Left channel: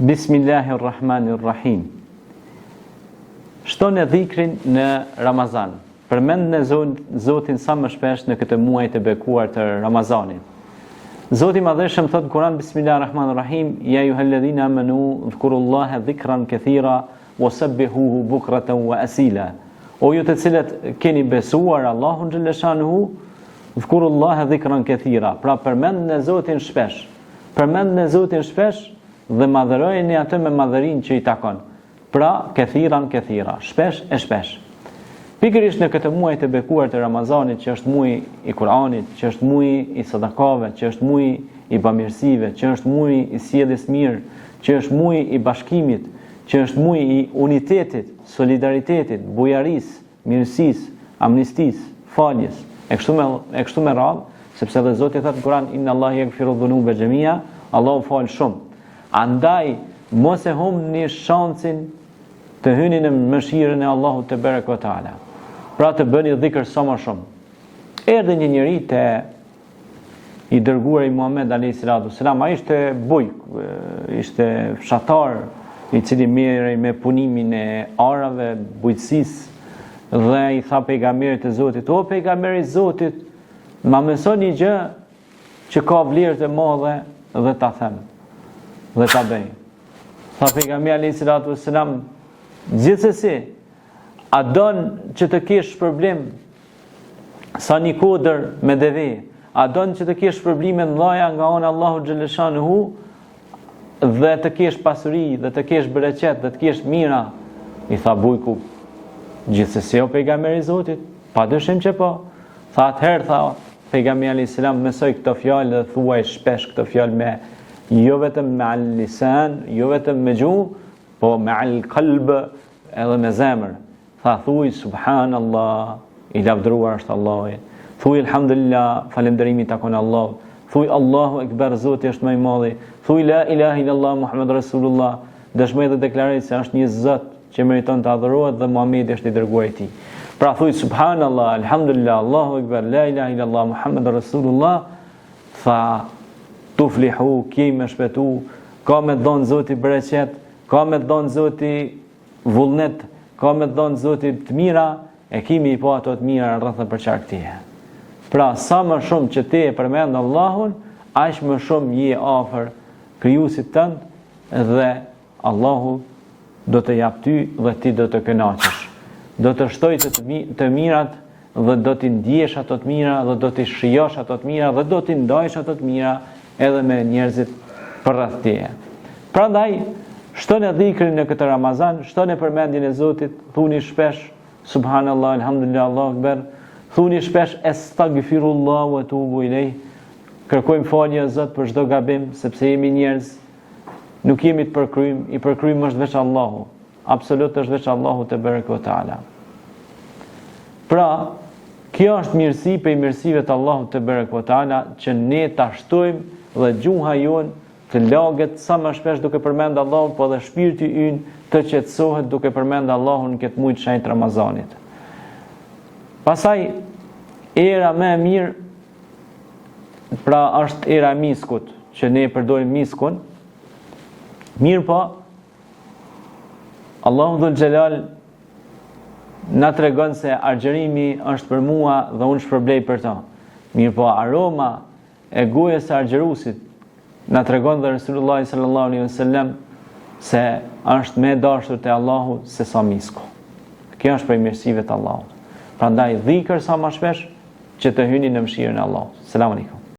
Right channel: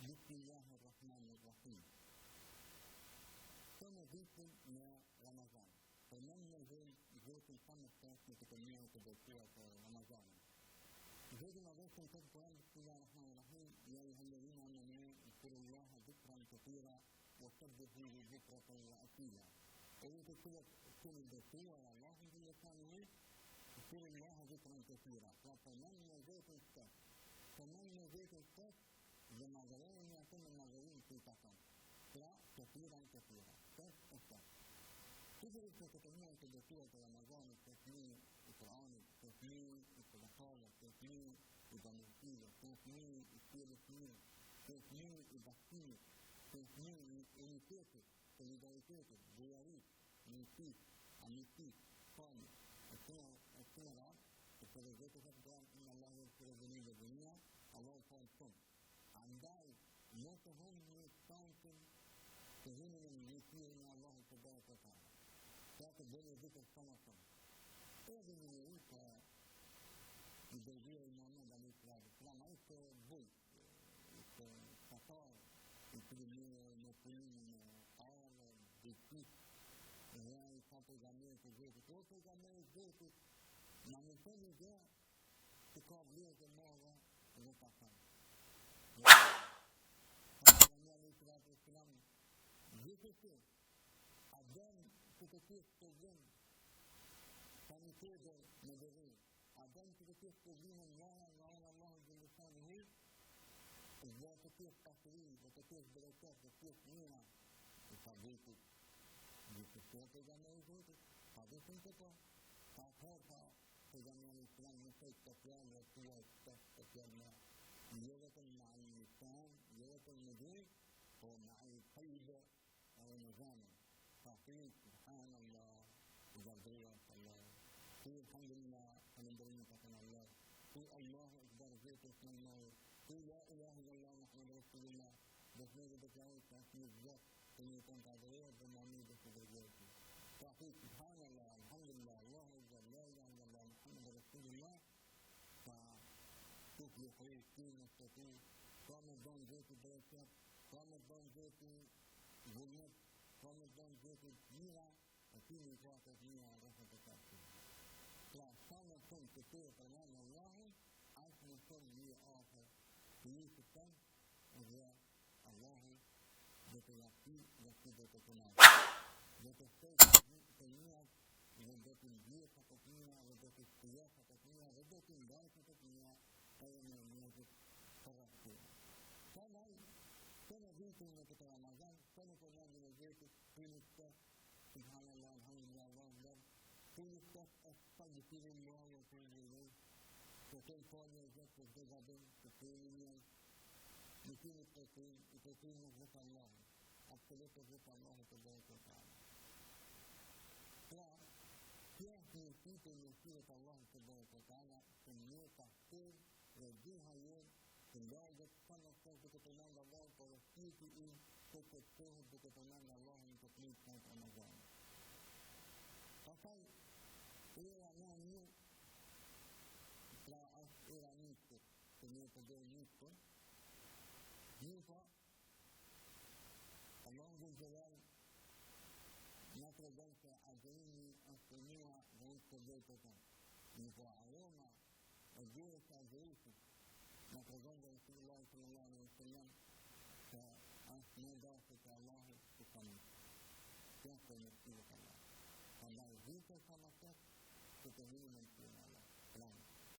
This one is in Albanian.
Bismillahirrahmanirrahim. Shtoni dhikrin në Ramazan. Përmend në Zotin sa më shpesh në këtë muaj të bekuar të Ramazanit. Zoti i Madhëshëm thot në Kur'an Bismillahirrahmanirrahim, ya ayyuhalladhina amanu dhkurullaha dhikran kathira wasabbihuhu bukratan wa asila. O ju të cilët keni besuar Allahun xhaleshanuhu, dhkurullaha dhikran kathira. Pra përmend në Zotin shpesh. Përmend në Zotin shpesh dhe madhërojeni atë me madhërinë që i takon. Pra, këthiran, shpesh e shpesh. Pikërisht në këtë muaj të bekuar të Ramazanit, që është muaj i Kur'anit, që është muaj i sadakave, që është muaj i bamirësive, që është muaj i sjelljes mirë, që është muaj i bashkimit, që është muaj i unitetit, solidaritetit, bujarisë, mirësisë, amnistisë, faljes, e kështu me radhë, sepse dhe Zoti thotë në Kur'an inna Allaha yaghfiru dhunuba jami'a, Allahu fal shumë. Andaj, mos e humni shansin të hyni në mëshirën e Allahut te bareka ve taala. Pra të bëni dhikr sa më shumë. Erdhi një njeri te i dërguari Muhammed alayhis salam, ai ishte bujk, ishte fshatar i cili merrej me punimin e arave, bujqësisë, dhe i tha pejgamberit të Zotit, o pejgamberi i Zotit, ma mëson një gjë që ka vlerë të madhe dhe ta them dhe ta bëj. Tha pejgamberi alayhis salam, gjithsesi, a don që të kesh problem sa një kodër me deve, a don që të kesh probleme mëdha nga ana Allahu xhaleshanuhu dhe të kesh pasuri, dhe të kesh bereqet, dhe të kesh mira? I tha bujku, gjithsesi o pejgamberi i Zotit, padyshim që po. Tha atëherë, tha pejgamberi alayhis salam, mësoj këtë fjalë dhe thuaj shpesh këtë fjalë me jo vetëm me al-lisan, jo vetëm me gjuhë, po me al-qalb edhe me zemër. Tha thuaj subhanallah, i lavdëruar është Allahu. Thuaj alhamdulillah, falënderimi takon Allahut. Thuaj Allahu ekber, Zoti është më i madh. Thuaj la ilaha illallah Muhammed Rasulullah, dëshmoj dhe deklaroj se është një Zot që meriton të adhurohet dhe Muhamedi është i dërguari i Tij. Pra thuaj subhanallah, alhamdulillah, Allahu ekber, la ilaha illallah Muhammed Rasulullah. Tha tuflihu, kje me shpetu, ka me dhonë Zoti bereqet, ka me dhonë Zoti vullnet, ka me dhonë Zoti të mira, e kimi i po ato të mira rrëthën për qarkëtije. Pra, sa më shumë që te e përmend Allahun, aq më shumë je afër krijuesit tënd dhe Allahu do të jap ty dhe ti do të kënaqesh. Do të shtoj të mirat dhe do t'i ndjesh ato të mira dhe do t'i shijosh ato të mira dhe do t'i ndajsh ato të mira edhe me njerëzit përreth teje. Prandaj, shtoni dhikrin në këtë Ramazan, shtoni përmendjen e Zotit, thuni shpesh subhanallah, alhamdulillah, Allahu akbar, thuni shpesh astaghfirullah wa atubu ilej. Kërkojmë falje Zot për çdo gabim, sepse jemi njerëz, nuk jemi të përkryjm, i përkryjm është veç Allahu. Absolut është veç Allahu te bareka ve taala. Pra, kjo është mirësi për mirësive të Allahut te bareka ve taala, që ne ta shtojmë dhe gjuha jonë të laget sa më shpesh duke përmend Allahun, po dhe shpirti ynë të qetësohet duke përmend Allahun këtë muaj të shenjtë Ramazanit. Pastaj era më e mirë, pra është era e miskut, që ne përdorim miskun. Mirë po, Allahu dhul xhelal na tregon se argjerimi është për mua dhe unë shpërblej për ta. Mirë po, aroma e gojës së argjerusit na tregon dhe Resulullah sallallahu alaihi wasallam se është më dashur te Allahu se sa misku. Kjo është prej mirësive të Allahut. Prandaj dhikër sa më shpesh që të hyni në mëshirën e Allahut. Selam aleikum.